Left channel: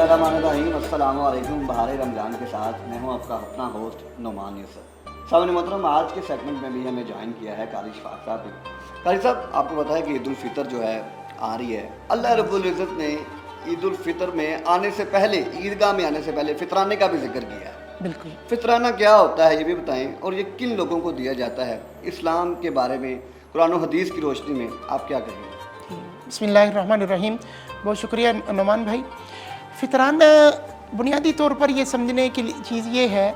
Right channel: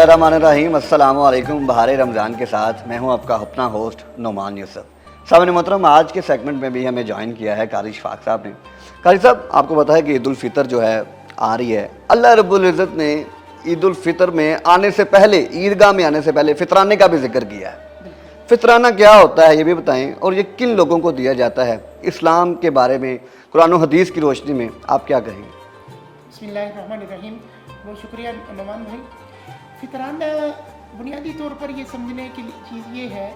बिस्मिल्लाहिर्रहमानिर्रहीम। अस्सलाम वालेकुम। बहार रमज़ान के साथ मैं हूं आपका अपना होस्ट नोमान यूसुफ। सामने मोहतरम, आज के सेगमेंट में भी हमें ज्वाइन किया है कारी इशफाक साहब ने। कारी साहब, आपको पता है कि ईद उल फितर जो है आ रही है। अल्लाह रब्बुल इज़्ज़त ने ईद उल फितर में आने से पहले, ईदगाह में आने से पहले फितराने का भी जिक्र किया है। बिल्कुल। फितराना क्या होता है ये भी बताएं, और ये किन लोगों को दिया जाता है, इस्लाम के बारे में कुरान और हदीस की रोशनी में आप क्या कहेंगे? बिस्मिल्लाहिर्रहमानिर्रहीम। बहुत शुक्रिया नोमान भाई। फितराना बुनियादी तौर पर ये समझने की चीज़ ये है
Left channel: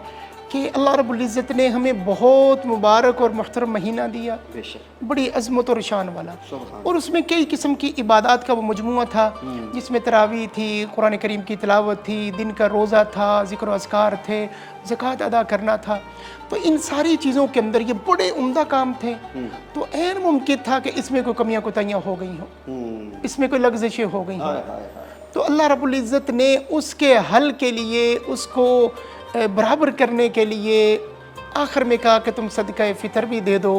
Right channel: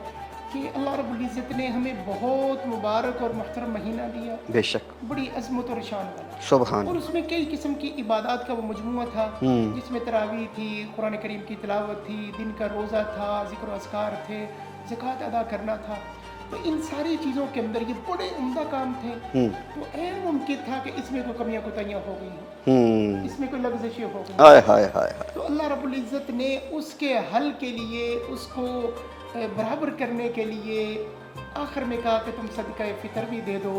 कि अल्लाह रब्बुल इज़्ज़त ने हमें बहुत मुबारक और मुहतरम महीना दिया, बेशक, बड़ी अज़मत और शान वाला, सुभान। और उसमें कई किस्म की इबादत का वो मजमुआ था, जिसमें तरावी थी, कुरान करीम की तिलावत थी, दिन का रोज़ा था, ज़िक्र अस्कार थे, ज़कात अदा करना था। तो इन सारी चीज़ों के अंदर ये बड़े उम्दा काम थे। तो ऐन मुमकिन था कि इसमें कोई कमियां कोताहियां हो गई हों, इसमें कोई लग़ज़िशें हो गई। हाय हाय हाय। तो अल्लाह रब्बुल इज़्ज़त ने उसके हल के लिए, उसको बराबर करने के लिए आखिर में कहा कि तुम सदका फ़ितर भी दे दो।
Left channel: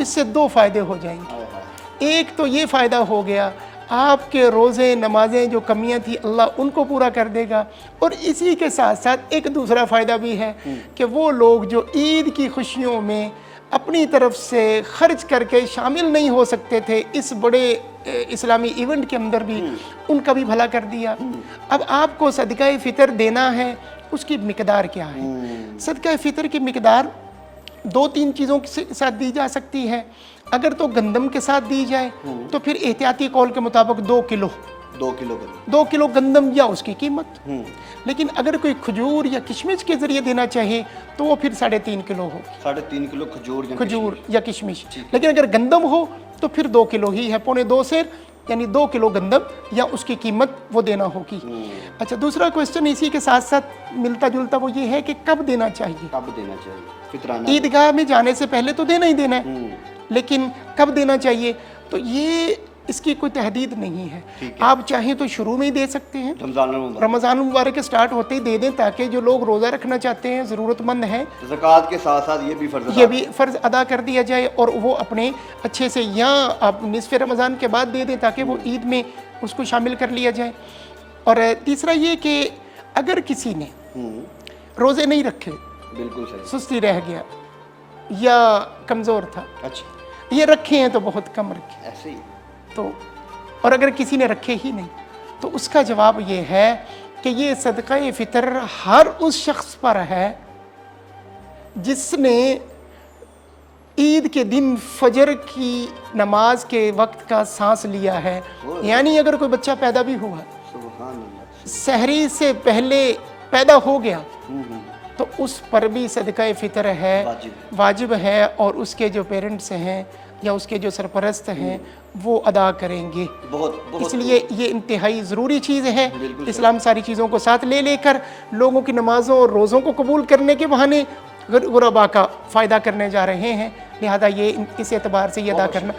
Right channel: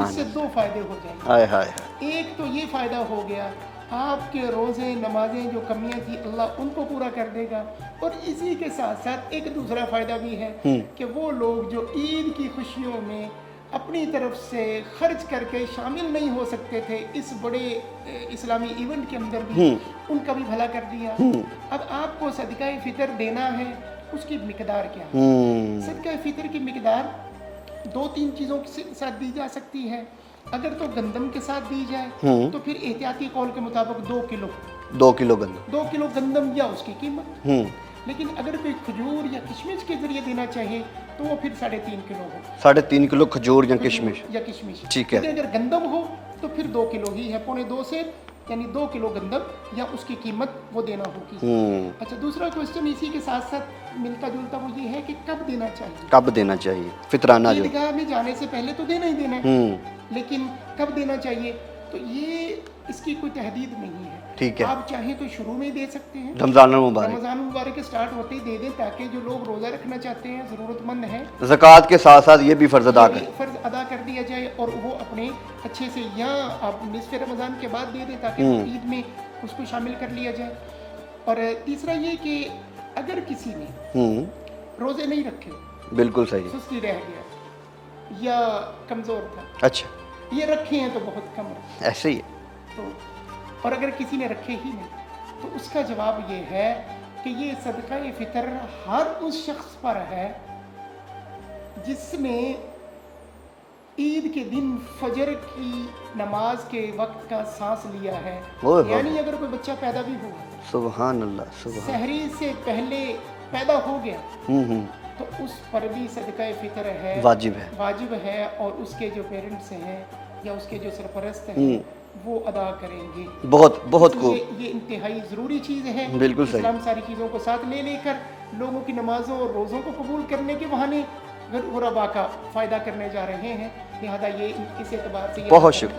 इससे दो फ़ायदे हो जाएंगे। हाय हाय। एक तो ये फ़ायदा हो गया, आपके रोज़े नमाजें जो कमियां थी अल्लाह उनको पूरा कर देगा, और इसी के साथ साथ एक दूसरा फ़ायदा भी है कि वो लोग जो ईद की खुशियों में अपनी तरफ से खर्च करके शामिल नहीं हो सकते थे इस बड़े इस्लामी इवेंट के अंदर भी, उनका भी भला कर दिया। अब आपको सदका फ़ितर देना है, उसकी मिकदार क्या है? सदका फ़ितर की मिकदार दो तीन चीज़ों के साथ दी जा सकती है। अगर तो गंदम के साथ दी जाए तो फिर एहतियाती कौल के मुताबिक 2 किलो 2 किलो गंदम, 2 किलो गंदम या उसकी कीमत। लेकिन अगर कोई खजूर या किशमिश के जरिए देना चाहे तो वो फिर 3.5 किलो हो। 3.5 किलो खजूर या किशमिश, या किशमिश, ठीक है। लेकिन अगर गंदम हो तो फिर 2 किलो ही है, 2.25 सेर, यानी 2 किलो गंदम या उसकी कीमत वो देना होगी। अच्छा, दूसरा क्वेश्चन इसी के साथ साथ मिलता जुलता वो ये है कि कब देना चाहिए? कब देना चाहिए फितराना? ईदगाह में जाने से पहले तो देना ही देना है, लेकिन कब देना चाहिए? तो ये इसकी कोई तहदीद नहीं है। ठीक है। आप चाहें तो शुरू में ही दे सकते हैं, रमज़ान मुबारक के स्टार्ट होते ही दे दें, ताकि जो लोग रोज़ा रखना चाहते हैं, ज़रूरतमंद हैं, ज़कात के साथ साथ ये भी फ़र्ज़ अदा कर दिया जाए, और वो अपने अच्छे से, या आप निसफ़ रमज़ान के बाद दे दें ताकि वो ईद में उसको शामिल कर लिया जाए। और तीसरा ये कि अगर किसी ने रोज़े नहीं रखे, बिल्कुल सही, सुस्ती रह गया या कमज़ोर था, अच्छा, ये रखे हैं तो बहुत कम रखे, ऐसे ही है। तो और अगर किसी ने रखे ही नहीं, तो उसका जवाब ये है कि ये सदका फ़ितर हर उस शख्स पर है जिसने ईद के दिन फजर की नमाज के वक्त का सांस लिया है। यानी अगर कोई बच्चा पैदा भी हुआ, सुभान अल्लाह, सहरी से पहले पैदा हो गया, तो उस पर भी सदका फ़ितर है, वाजिब है, और उसके जो पेरेंट्स हैं या उसके जो सरपरस्त हैं वो अदा करेंगे। बहुत इसलिए ये इंतहाई ज़रूरी चीज़ है। इस्लाम सारी चीज़ों को साथ ले लेकर लोगों की नमाज़ों और रोज़ों को कबूल करने के बहाने गुरबा का फ़ायदा करने जा रहे हैं, लिहाजा ये इस एतबार से ये अदा करना।